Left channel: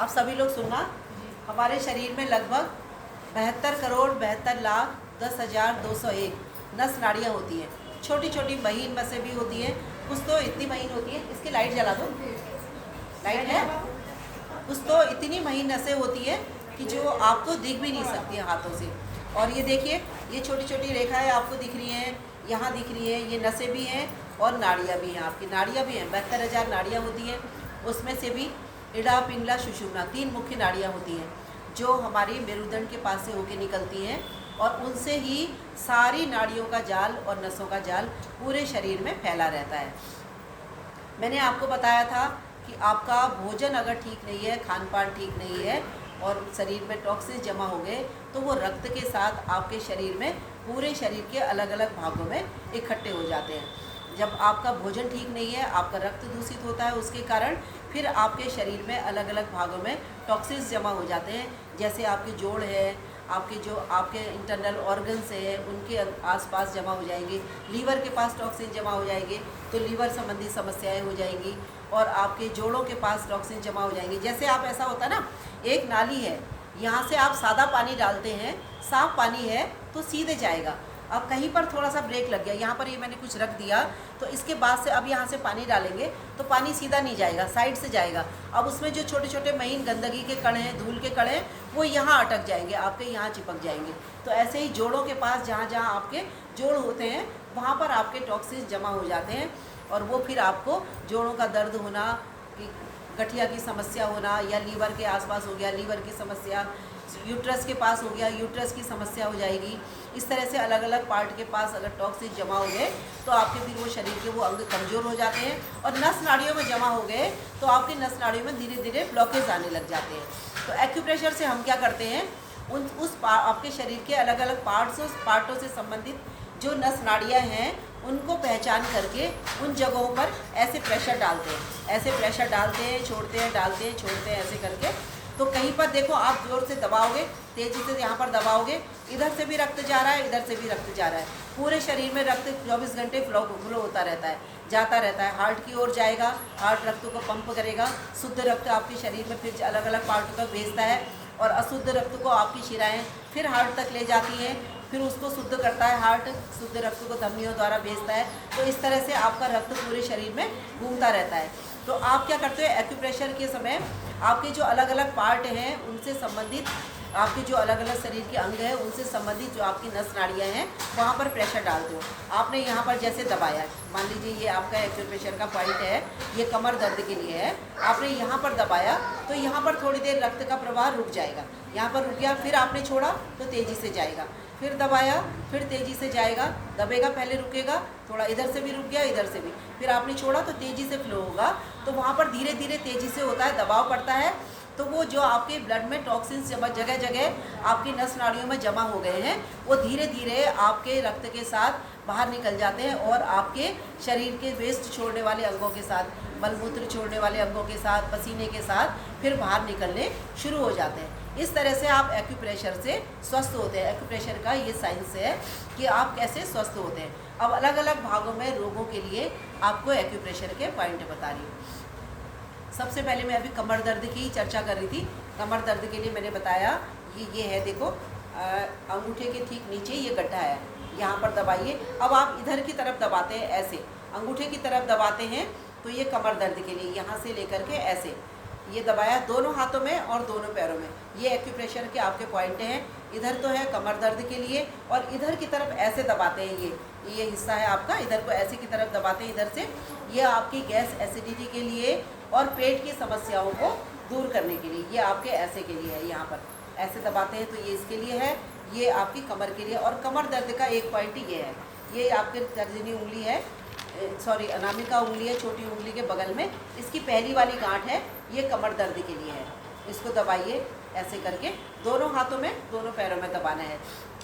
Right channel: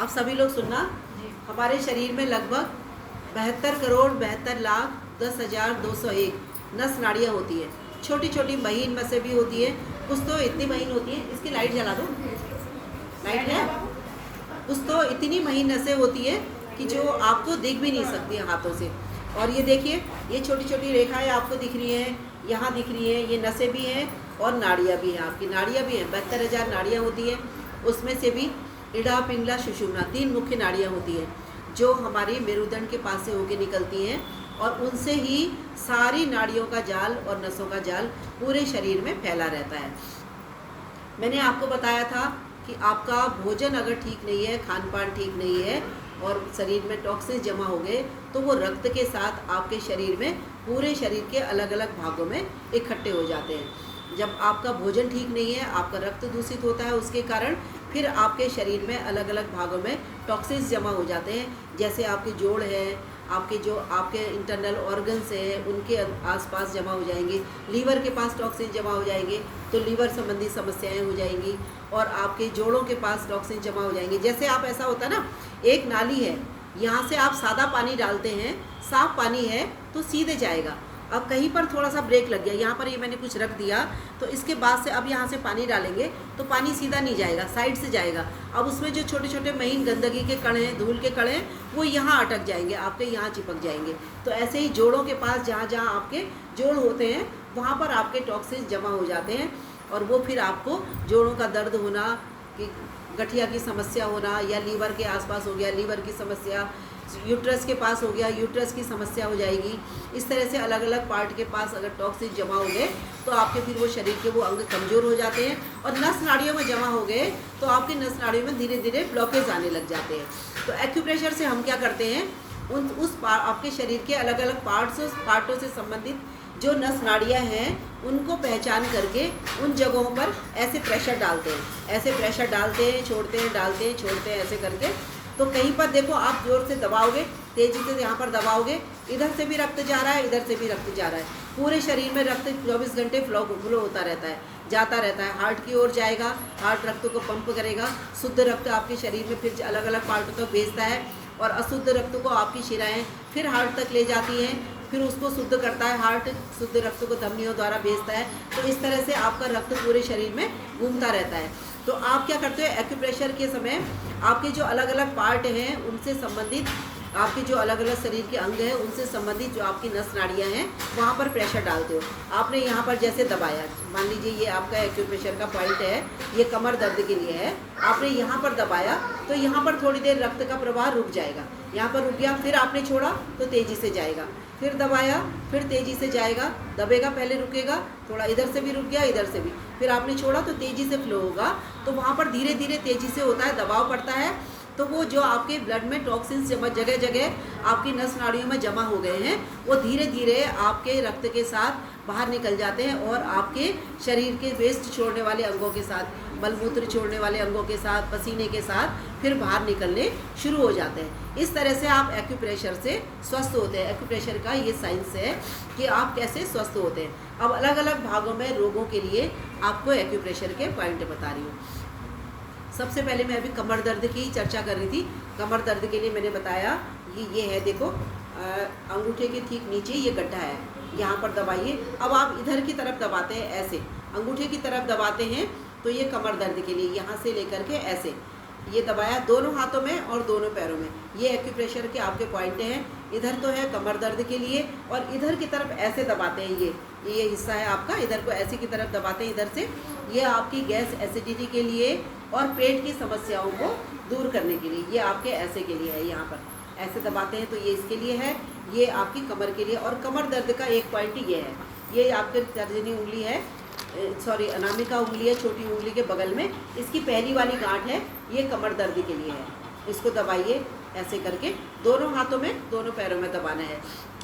अब सभी लोग सुनना। हमारे शरीर में लगभग 72,72,10,201 नस नाड़ियाँ होती है। छोटी छोटी महीन नसें भी होती है, कुछ तो इतनी महीन होती है। इसकी लाइट जला दो, लाइट है। कुछ तो इतनी महीन नसें होती है कि जो आपको दिख भी नहीं सकती हैं हाथों से। और ये देखिए, ये छोटी छोटी रेखाएं आपको दिख रही हैं, यहाँ दिख रही है, ये नसें भी हैं और नाड़ियाँ भी हैं। आपकी नाड़ियाँ भी हैं, 72,000 नाड़ियाँ होती हैं। उसमें से भी इड़ा, पिंगला, सुषुम्ना 3 मुख्य नाड़ियाँ होती हैं जो हमारी मेरुदंड के पास से होके निकलती हैं, और उनसे ही सारी नाड़ियों का जाल और नसों का जाल पूरे शरीर में फैला रहता है। मैंने आपको बताया था कि आपका भोजन अगर ठीक नहीं है, खान पान ठीक नहीं है और शरीर में टॉक्सिन्स जमा हो गए तो वो रक्त के साथ आपके शरीर में, पूरे शरीर के अलग अलग भागों में इकट्ठे हो जाते हैं। जब आपका भोजन ठीक नहीं है, आपका रक्त दूषित होता है, उसके कारण फिर आपके शरीर में अलग अलग भागों में टॉक्सिन्स जमा हो जाते हैं। जैसे आपके जोड़ है, आपके जो आपके इंटरनल ऑर्गन्स है, उनके आसपास जमा हो जाएंगे। लीवर के पास टॉक्सिन जमा हो जाएंगे तो लीवर संबंधी समस्याएं हो जाएंगी, और आपके जोड़ों के पास टॉक्सिन जमा हो जाएंगे। जैसे आप, ऐसा होता है ना, एक नाली है, यहाँ से आप सादा पानी डालते हैं, साफ पानी है तो सीधे जाएगा। अब कहीं पर थोड़ा सा ब्रेक लग गया, यहाँ पर ये मैंने कुछ रख दिया, तो इसके बाद से अब यहाँ से पानी डालेंगे तो पानी सीधा नहीं जाएगा, साइड से जाएगा। अब उसमें जो छोटे छोटे महीन गंदगी के कण हैं, धूल के कण हैं, वो यहाँ अटक जाएंगे, आपके यहाँ चिपक जाएंगे। तो ऐसे ही जोड़ों के पास जहाँ जहाँ आपके जोड़ होते हैं वहाँ पर आपके टॉक्सिन्स जमा हो जाते हैं, और वो फिर आपको जोड़ों का दर्द होना, कि गठिया की समस्या होना, या लीवर के आसपास हो गया लीवर की समस्या, यूट्रस के पास हो गया यूट्रस की समस्या हो जाएगी। इस तरह से अलग अलग पार्ट के पास अगर टॉक्सिन जमा हो गए तो आपके फिर वो शरीर के वो अंग कमज़ोर हो जाते हैं, और नस नाड़ियों में जमा हो गए तो आपकी नस नाड़ियों में धीरे धीरे ब्लॉकेज आने लग जाते हैं। तो एक्यूप्रेशर से हम क्या करते हैं, आपके शरीर के अलग अलग पार्टों से संबंधित जो नस नाड़ियाँ हैं उनको पहचान करके उन जगहों पर ऐसे प्रेशर डालते हैं, ऐसे प्रेशर डालते हैं, छोड़ते हैं, डालते हैं, छोड़ते हैं, ऐसे करके। तो कहीं पर देखो, आप जोर से दबाओगे, तेजी से यहाँ पर दबाओगे, इधर से भी रक्त जा रहा है, इधर से भी रक्त जा रहा है। पूरे शरीर में रक्त 24 घंटे फ्लो होता रहता है, जाता रहता है। हार्ट की ओर जाएगा, हार्ट रक्त को पंप करेगा, शुद्ध रक्त आपके शरीर में फिर अलग अलग पार्ट तक भेजता है, और अशुद्ध रक्त को आपकी शिराएँ फिर हार्ट तक ले जाती हैं, फिर उसको शुद्ध करता है हार्ट, शुद्ध रक्त को धमनियों द्वारा भेजता है। तो इस तरह से आपका रक्त पूरे शरीर में घूमता रहता है। तो आप क्या करते हो, एक्यूप्रेशर के समय आपके जो अलग अलग पार्ट हैं उनसे संबंधित, आपके जो अलग अलग शरीर के अंग हैं उनसे संबंधित जो आपकी नस नाड़ियाँ हैं वहाँ पर प्रेशर डालते हो। आपने यहाँ पर जैसे दबाया, मान लीजिए ये आपका एक्यूप्रेशर का पॉइंट है, ये कमर दर्द के लिए है, आपने यहाँ पर दबाया तो यहाँ पर थोड़ी देर रक्त का प्रवाह रुक जाएगा, यहाँ पर रुक गया, फिर आपने छोड़ा तो तेज़ी से जाएगा, फिर दबाया, फिर तेज़ी से जाएगा, दबेगा, पहले रुकेगा, थोड़ा इधर से भी रुक गया, इधर से भी, फिर आपने छोड़ा तो तेज़ी से फ्लो होगा। तो वहाँ पर धीरे धीरे तेज़ी से होता है, दबाव पड़ता है, तो वो जो आपके ब्लड में टॉक्सिन्स जगह जगह आपकी नस नाड़ियों में जमा हो गए हैं वो धीरे धीरे आपके रक्त के साथ बाहर निकल जाते हैं, और आपके शरीर के वेस्ट छोड़ने वाले अंगों के साथ, मलमूत्र छोड़ने वाले अंगों के साथ, पसीने के साथ फिर बाहर निकलने शुरू हो जाते हैं। इस तरह से आप एक्यूप्रेशर से स्वस्थ होते हैं। एक्यूप्रेशर का ये साइंस है कि आप कैसे स्वस्थ होते हैं। अब अलग अलग भागों में रोगों के लिए आपको एक्यूप्रेशर के पॉइंट बता रही हूँ। सबसे पहले मैं अभी कमर दर्द की चर्चा कर रही थी। कमर दर्द के लिए मैंने बताया ये है, देखो अंगूठे के ठीक नीचे ये गड्ढा है, यहाँ पर दबाइए। अब आप इधर की तरफ दबाते हैं, ऐसे अंगूठे की तरफ दबाते हैं तो ये कमर दर्द के लिए, यहाँ से लेकर के ऐसे ये दबाया दोनों हाथों में और दोनों पैरों में। ये एक्यूप्रेशर के आपके पॉइंट हैं। इधर तो है कमर दर्द के लिए, और इधर की तरफ ऐसे दबाते हैं, ये हिस्सा है आपका, इधर को ऐसे की तरफ दबाते हैं इधर से, ये आपकी गैस एसिडिटी के लिए और पेट की समस्याओं को दूर करने के लिए, ये आपके ऐसे के लिए है, यहाँ पर ऐसे दबाते हैं तो ये इसके लिए है, ये आपकी कमर के लिए। और कमर दर्द का एक पॉइंट ये है, ये आपके तर्जनी उंगली है, सॉरी अनामिका उंगली है, छोटी उंगली के बगल में इसकी पहली वाली गांठ है, ये कमर दर्द के लिए है। इसको दबाइए ऐसे करके, दोनों हाथों में दोनों पैरों में दबाना है।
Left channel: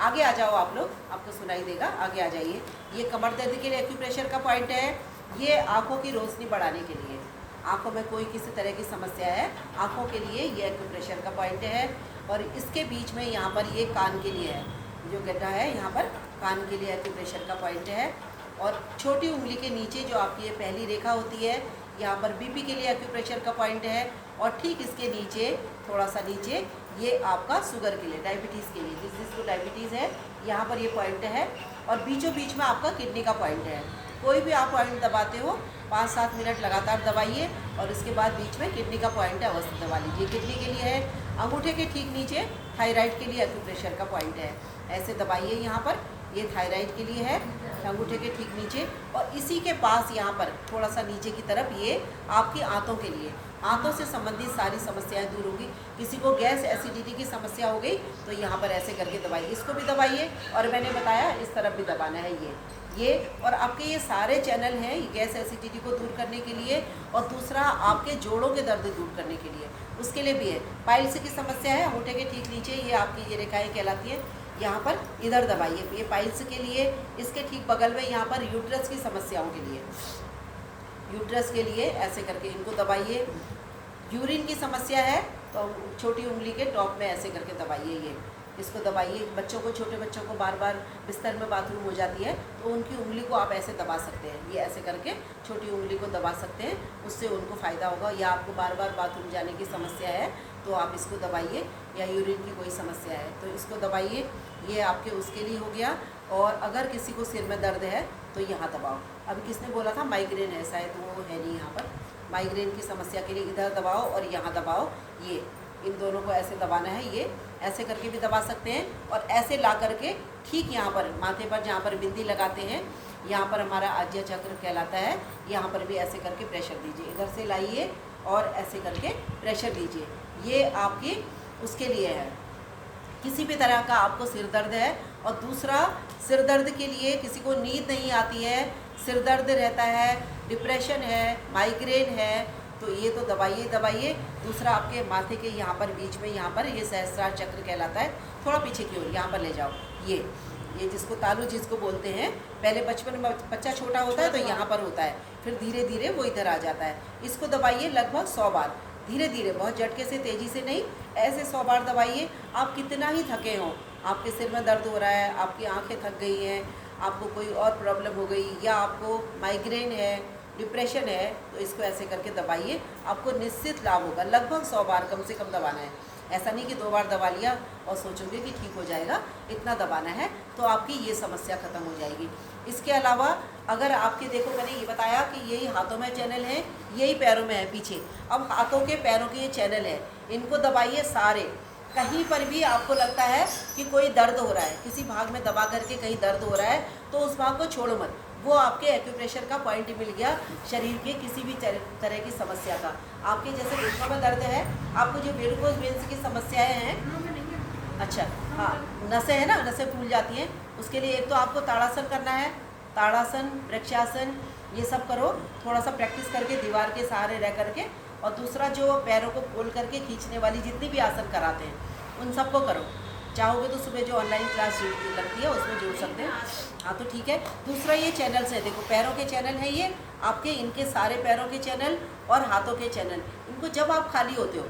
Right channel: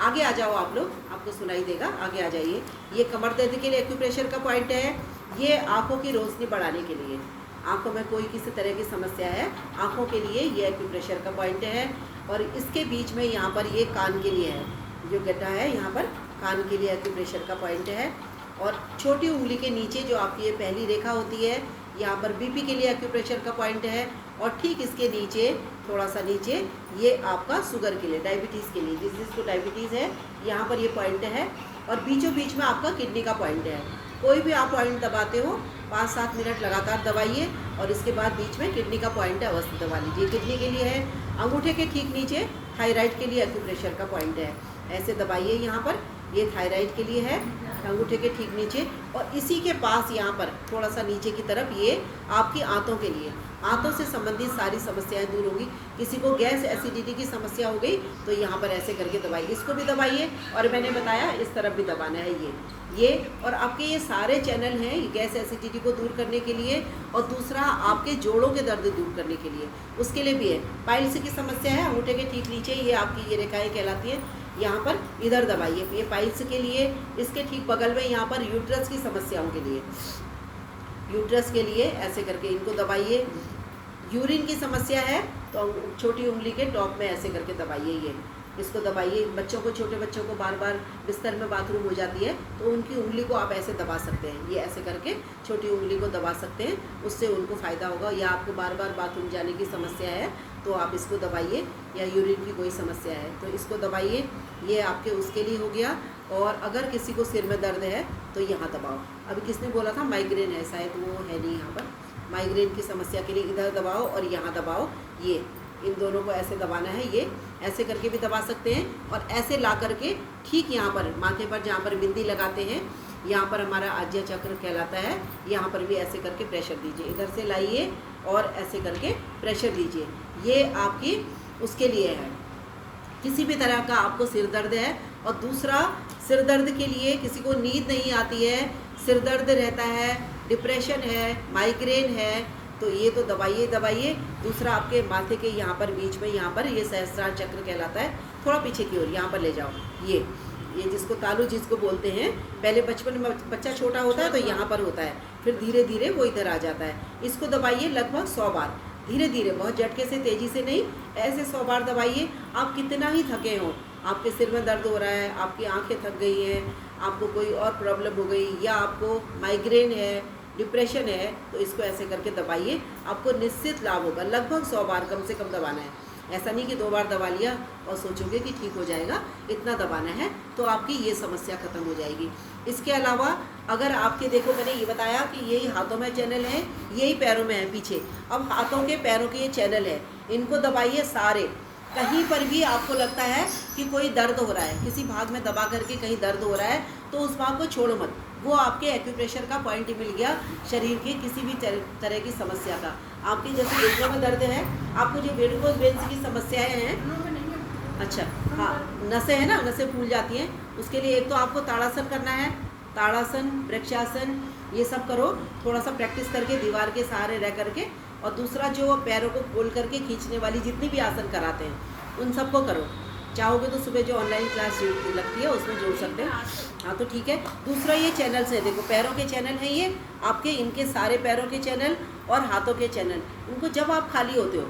आगे आ जाओ आप लोग, आपको सुनाई देगा, आगे आ जाइए। ये कमर दर्द के लिए एक्यूप्रेशर का पॉइंट है। ये आँखों की रोशनी बढ़ाने के लिए, आँखों में कोई किसी तरह की समस्या है, आँखों के लिए ये एक्यूप्रेशर का पॉइंट है। और इसके बीच में यहाँ पर ये कान के लिए है, जो गड्ढा है यहाँ पर कान के लिए एक्यूप्रेशर का पॉइंट है। और छोटी उंगली के नीचे जो आपकी ये पहली रेखा होती है, यहाँ पर बीपी के लिए एक्यूप्रेशर का पॉइंट है। और ठीक इसके नीचे, थोड़ा सा नीचे, ये आपका शुगर के लिए, डायबिटीज़ के लिए, जिसको डायबिटीज़ है यहाँ पर ये पॉइंट है। और बीचों बीच में आपका किडनी का पॉइंट है। कोई भी आप पॉइंट दबाते हो 5-7 मिनट लगातार दबाइए और इसके बाद बीच में किडनी का पॉइंट है, अवश्य दबा लीजिए। किडनी के लिए है, अंगूठे के ठीक नीचे थायराइड के लिए एक्यूप्रेशर का पॉइंट है, ऐसे दबाइए यहाँ पर। ये थायराइड के लिए है, अंगूठे के ठीक नीचे। और इसी के पास यहाँ पर थोड़ा सा नीचे की तरफ ये आपकी आंतों के लिए, आंतों से संबंधित सारी समस्याएं दूर होंगी। किसी को गैस एसिडिटी की समस्या हो गई तो यहाँ पर ऐसे करके दबाइए, इसको भी दबाइए। और मैंने बताया इस तरफ भी दबाना है ये। और आपके ये सारे चैनल हैं गैस एसिडिटी को दूर करने के लिए, और दूसरा आपके जोड़ों के दर्द दूर करने के लिए, उसके लिए भी है। पाइल्स की समस्या है, अंगूठे के ठीक नीचे ये आपकी ये रेखाएँ कहलाती है, यहाँ पर इधर दबाइए, ये पाइल्स के लिए। इसके ठीक बगल में यहाँ पर यूट्रस की समस्याओं के लिए, यूट्रस के लिए ऐसे करके इनको दबाइए। यूरिन की समस्या है तो छोटी उंगली के टॉप में ऐसे करके दबाइए, ये इसको दबाइए। बच्चों को, छोटे बच्चों को बार बार बिस्तर में बाथरूम हो जाती है तो उनकी उंगली को आप ऐसे दबा सकते हैं, ये ऐसे करके छोटी उंगली को दबा सकते हैं, उससे उनको फ़ायदा होगा। या आपको बार बार बाथरूम जाने की समस्या है तो आप इसको दबाइए, या यूरिन की कोई समस्या है तो इसको दबाइए, ये आपके उसके लिए हो गया। और अगर किसी को सिर में दर्द है तो यहाँ दबाओ। अभी किसने बोला था माइग्रेन है, शायद वो है नहीं यहाँ पर। माइग्रेन की समस्या के लिए इधर दबाओ और यहाँ दबाओ, ये इन दोनों को ऐसे दबाना है, ये ऐसे करके भी दबा सकते हैं। और ऐसे ला करके ठीक यहाँ पर माथे पर जहाँ पर बिंदी लगाते हैं, यहाँ पर हमारा आज्य चक्र कहलाता है, यहाँ पर भी ऐसे करके प्रेशर दीजिए। इधर से लाइए और ऐसे करके प्रेशर दीजिए, ये आपकी उसके लिए है। किसी भी तरह का आपको सिर दर्द है, और दूसरा सिर दर्द के लिए किसी को नींद नहीं आती है, सिर दर्द रहता है, डिप्रेशन है, माइग्रेन है, तो ये तो दबाइए। दूसरा आपके माथे के यहाँ पर बीच में, यहाँ पर ये सहस्त्रार चक्र कहलाता है, थोड़ा पीछे की ओर यहाँ पर ले जाओ। ये जिसको तालु जिसको बोलते हैं, पहले बचपन में बच्चा छोटा होता है तो यहाँ पर होता है, फिर धीरे धीरे वो इधर आ जाता है। इसको दबाइए लगभग 100 बार, धीरे धीरे, बहुत झटके से, तेज़ी से नहीं, ऐसे 100 बार दबाइए। आप कितना ही थके हों, आपके सिर में दर्द हो रहा है, आपकी आंखें थक गई हैं, आपको कोई और प्रॉब्लम हो गई, या आपको माइग्रेन है, डिप्रेशन है, तो इसको ऐसे करके दबाइए, आपको निश्चित लाभ होगा। लगभग 100 बार कम से कम दबाना है, ऐसा नहीं कि 2 बार दबा लिया और सोचोगे कि ठीक हो जाएगा, इतना दबाना है तो आपकी ये समस्या ख़त्म हो जाएगी। इसके अलावा अगर आपके, देखो मैंने ये बताया कि यही हाथों में चैनल है, यही पैरों में है पीछे। अब हाथों के पैरों के ये चैनल है, इनको दबाइए सारे। कहीं पर भी आपको लगता है कि कोई दर्द हो रहा है, किसी भाग में दबा करके कहीं दर्द हो रहा है तो उस भाग को छोड़ो मत, वो आपके एक्यूप्रेशर का पॉइंट मिल गया शरीर के किसी भी तरह की समस्या का। आपके जैसे पेटों में दर्द है, आपको जो वेरिकोज वेन्स की समस्याएं हैं, अच्छा हाँ, नसें है ना, नसें फूल जाती हैं, उसके लिए एक तो आपको ताड़ासन करना है, ताड़ासन, वृक्षासन, ये सब करो, थोड़ा सा प्रैक्टिस करके दीवार के सहारे रह करके। और दूसरा जो पैरों को खोल करके खींचने वाली जितनी भी आसन कराते हैं उन सबको करो। चाहोगे तो सुबह जो ऑनलाइन क्लास लगती है उसमें जोड़ सकते हैं, हाँ तो ठीक है। दूसरा ये चैनल्स है, देखो पैरों के चैनल हैं ये आपके, इनके सारे पैरों के चैनल और हाथों के चैनल, इनको जब आप खाली होते हो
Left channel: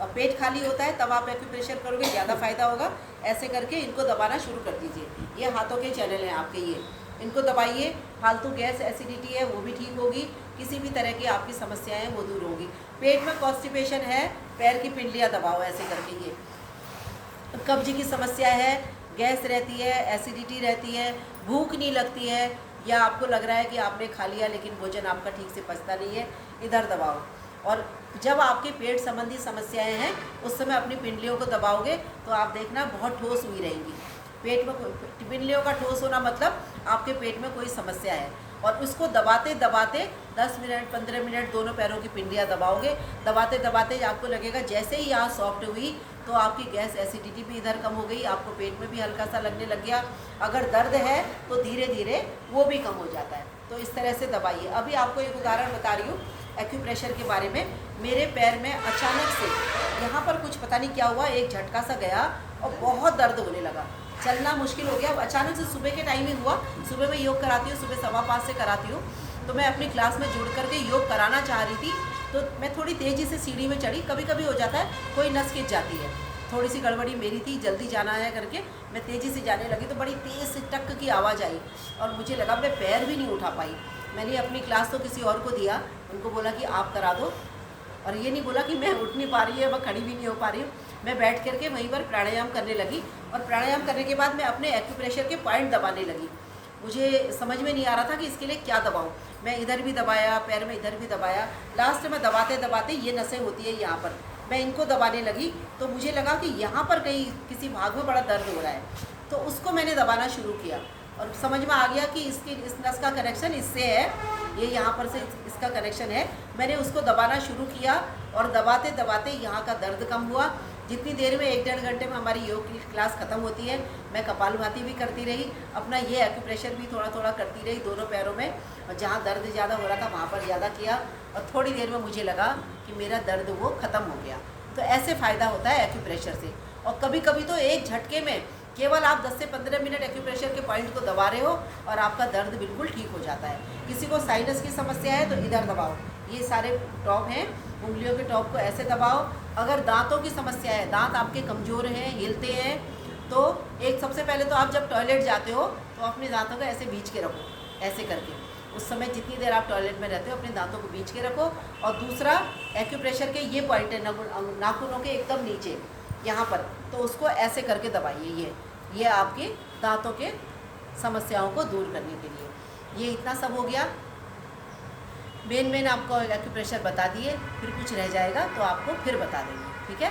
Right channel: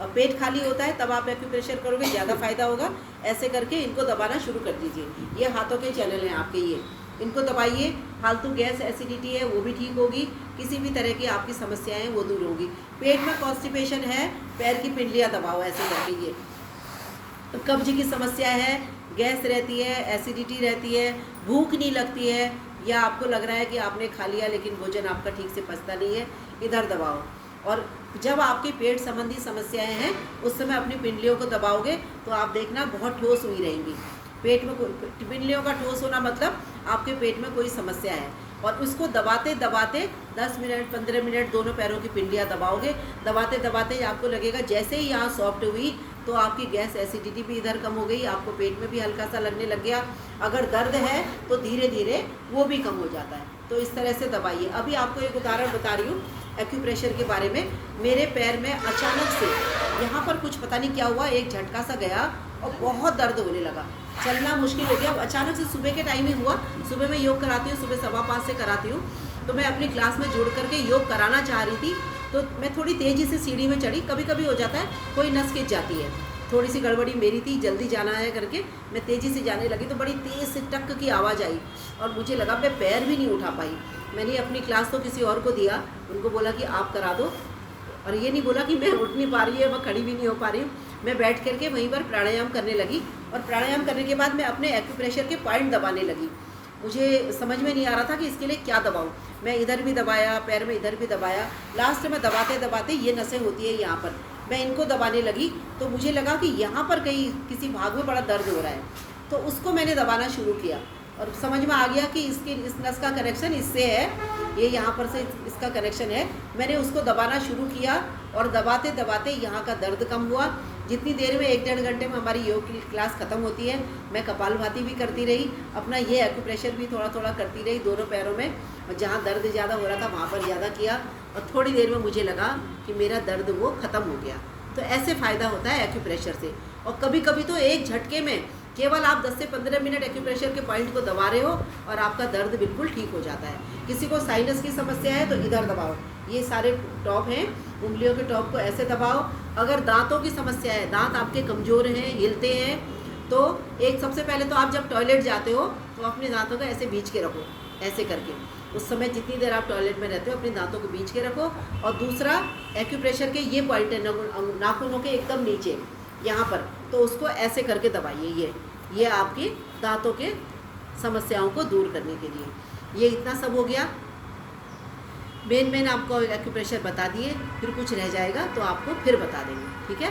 और पेट खाली होता है तब आप एक्यूप्रेशर करोगे, ज़्यादा फायदा होगा। ऐसे करके इनको दबाना शुरू कर दीजिए। ये हाथों के चैनल हैं आपके, ये इनको दबाइए। फालतू गैस एसिडिटी है वो भी ठीक होगी, किसी भी तरह की आपकी समस्याएं हैं वो दूर होगी। पेट में कॉन्स्टिपेशन है, पैर की पिंडलियाँ दबाओ ऐसे करके। ये कब्ज की समस्या है, गैस रहती है, एसिडिटी रहती है, भूख नहीं लगती है, या आपको लग रहा है कि आपने खा लिया लेकिन भोजन आपका ठीक से पचता नहीं है, इधर दबाओ। और जब आपके पेट संबंधी समस्याएं हैं उस समय अपनी पिंडलियों को दबाओगे तो आप देखना बहुत ठोस हुई रहेंगी। पेट में पिंडलियों का ठोस होना मतलब आपके पेट में कोई समस्या है। और उसको दबाते दबाते 10 मिनट 15 मिनट दोनों पैरों की पिंडलियाँ दबाओगे, दबाते दबाते आपको लगेगा जैसे ही यहाँ सॉफ्ट हुई तो आपकी गैस एसिडिटी भी इधर कम हो गई, आपको पेट में भी हल्का सा लगने लग गया। अगर दर्द है तो धीरे धीरे वो भी कम हो जाता है। तो इस तरह से दबाइए। अभी आपको एक उदाहरण बता रही हूँ एक्यूप्रेशर के बारे में। मेरे पैर में अचानक से यहाँ पर कुछ पता नहीं क्या हुआ, एक झटका सा गया और बहुत दर्द होने लगा, चलना मुश्किल हो गया। अचानक से सुबह के टाइम ही हुआ, सुबह मैं योग कराती हूँ, सुबह 5:15 से कराती हूँ, तो मैं अपनी क्लास में जुड़ करके योग कराना चाह रही थी, तो मैं थोड़ी तेज़ी से सीढ़ी में चढ़ी। कभी कभी हो जाता है कोई नस खिंच जाती है, थोड़ी सी गड़बड़ी मेरी थी, जल्दी जाना है करके मैं तेज़ी से जाने लगी तो बड़ी तेज़ से टक की आवाज़ आई और मुझे लगा मैं पैर भी नहीं उठा पाई। मैंने अपनी क्लास तो किसी और को दिया, उनको बोला कि आप करा दो, और ये नहीं बोला कि मैं उठ नहीं पा रही है, मैं खड़ी भी नहीं हो पा रही हूँ। मैं बैठ करके वहीं पर प्राणायाम करने लगी, और प्राणायाम करने के बाद मैं अपने एक्यूप्रेशर के पॉइंट दबाने लगी। मुझे समझ में नहीं आ रहा था कि इसके लिए क्या दबाऊँ। मैं इधर भी दबाया, पैर में इधर भी दबाया, लास्ट में दबाते दबाते ये नसें होती है यहाँ पर, मैं इनको दबाने लगी। तो मुझे लगा कि यहाँ पर कहीं किसी भाग में बड़ा दर्द हो रहा है, तो उसको मैंने दबाना शुरू किया, और समझ में आ गया कि इस नस का कनेक्शन इससे है, ये यहाँ पर से इसका कनेक्शन है। मैंने उसको दबाना शुरू किया, और दबाते दबाते यहाँ का दर्द कम हुआ। जितनी देर में 1-1.5 घंटे में हमारी योग की क्लास ख़त्म होती है, मैं कपालभाति भी करती रही, अपना ये एक्यूप्रेशर भी थोड़ा थोड़ा करती रही दोनों पैरों में, और जहाँ दर्द ज़्यादा हो रहा था वहाँ पर ज़्यादा किया, और थोड़ी देर में मुझे लगा कि मेरा दर्द वो ख़त्म हो गया। तो ऐसे फ़ायदा होता है एक्यूप्रेशर से। और कभी कभी तो एक झटके में केवल आप 10 से 15 मिनट एक्यूप्रेशर के पॉइंट को दबा रहे हो और आपका दर्द बिल्कुल ठीक हो जाता है। किसी को साइनस की समस्या है तो इधर दबाओ, ये सारे टॉप हैं, उंगलियों के टॉप को ऐसे दबाओ। अगर दांतों की समस्या है, दांत आपके कमज़ोर हैं, हिलते हैं, तो एक सबसे पहले तो आप जब टॉयलेट जाते हो तो अपने दांतों को ऐसे बीच के रखो, ऐसे करके। उस समय जितनी देर आप टॉयलेट में रहते हो अपने दांतों को बीच के रखो। और दूसरा, एक्यूप्रेशर के ये पॉइंट है नाखूनों के एकदम नीचे यहाँ पर, तो उसको ऐसे करके दबाइए। ये आपकी दांतों के समस्याओं को दूर करने के लिए। ये इतना सब हो गया, मेन आपको एक्यूप्रेशर बता दिए, फिर कुछ रह जाएगा तो आपको फिर बता देंगे, ठीक है।